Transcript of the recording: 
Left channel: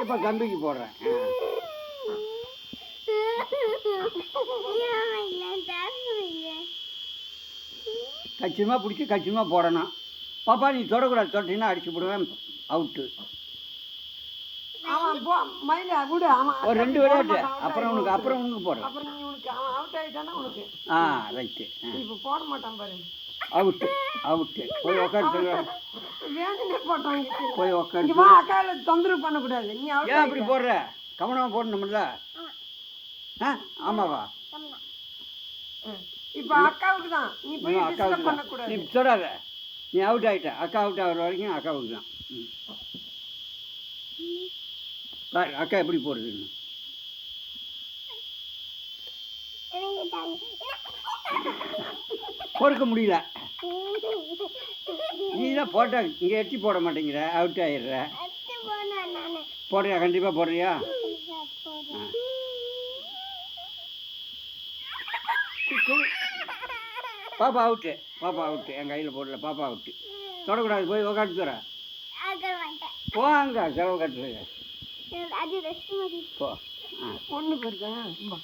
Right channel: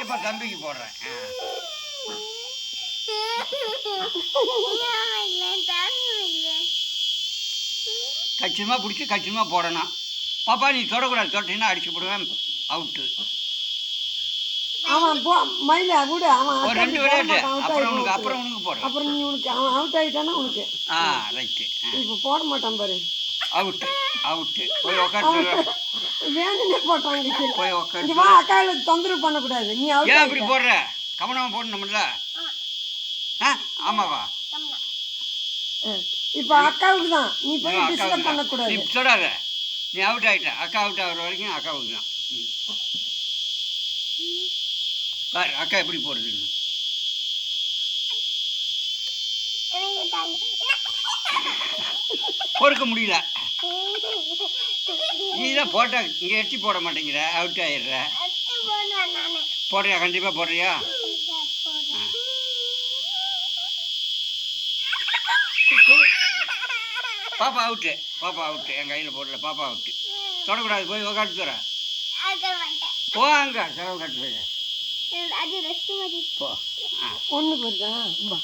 இப்போ தம்பிக்கு போடுறேன். கச்சிதமாக பிடிச்சி கச்சிதமாக போடணும். பாப்பா நீ தொடக்கூடாது, தொட்டினா அடிச்சு போடுவேன், அவுட்டு. ஒரு 2 விளையாட்டு அப்புறம் உனக்கு போடுறேன். ரைட்டு. இப்போ போட மாட்டான் பாரு. அவுட்டு போய் உட்காந்து போய் உட்காந்து அக்காவை தொந்தரவு பண்ணக்கூடாது. நீ ஏன் அப்படி போடுற? கவனமாக போடணும்ல. ஆமாவா? இப்போ அக்காவுக்கு தான். அக்காவுக்கு தான். நீ சொல்லாத, நீ அவுட் ஆகிட்ட. அக்கா அவுட் ஆகிற வரைக்கும் அக்காவுக்கு தான். பாரு அக்கா எப்படி போடுறதுன்னு. பொறுக்க முடியல. நீ தான் போட்டா இங்கே எட்டி போட மாட்டேங்கிற, அவுட் ஆகிடுற. போடுறியா? கண்டிப்பாக போடுறியா? பாப்பா அவுட்டு. என் கையில் போடல. பாப்பா அவுட்டு. தொடக்கூடாது, போய் உக்காட்டு தர. போங்க செலவு கட்டு போ. ஒன்று போயிருக்கா?